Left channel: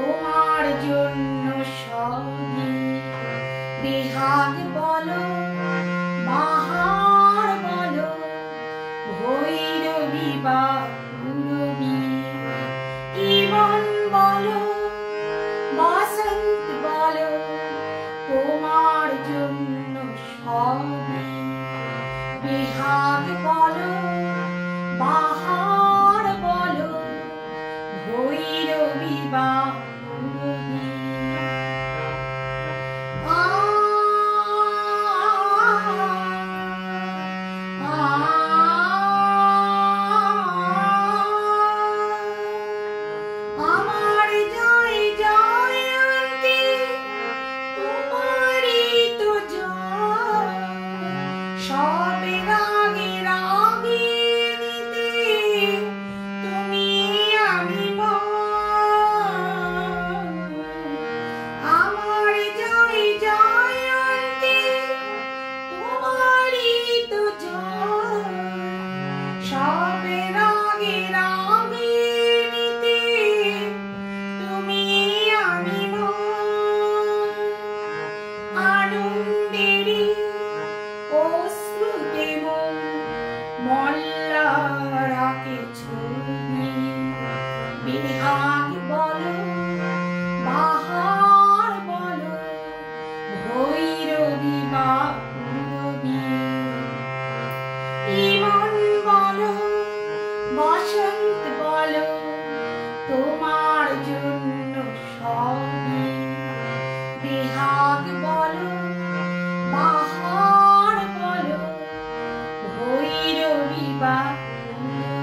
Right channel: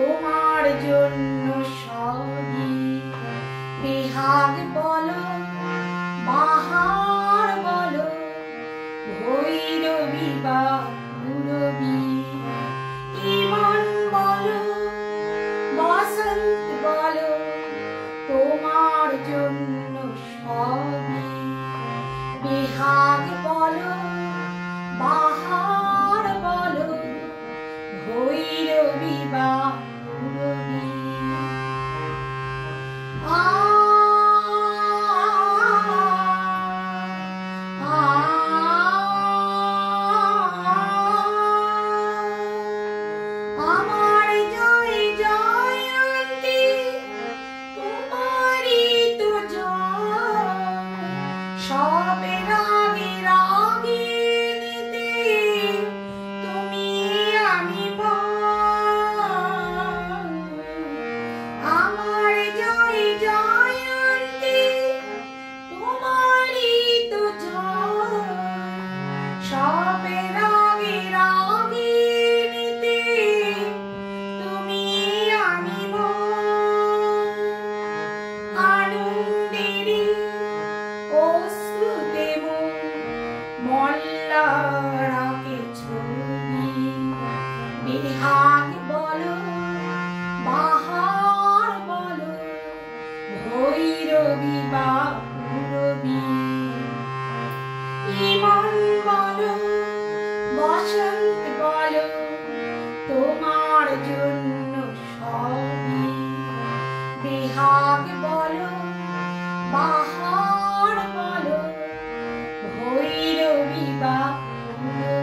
তোমার জন্য সবই বেহাগ বলো বাহার বলো ভৈরবী বা পূরবী ইমন বলো বসন্ত বলো তোমার জন্য সবই বেহাগ বলো বাহার বলো ভৈরবী বা পূরবী আমার জয় জয়ন্তী তোমারই তো জয় সব রাগে রাগিনীতে তুমি আমি আমার জয় জয়ন্তী তোমারই তো জয় সব রাগে রাগিনীতে তুমি আমি আনন্দেরই অশ্রুতে মল্লারাকে ছবি বেহাগ বলো বাহার বলো ভৈরবী বা পূরবী ইমন বলো বসন্ত বলো তোমার জন্য সবই বেহাগ বলো বাহার বলো ভৈরবী বা পূরবী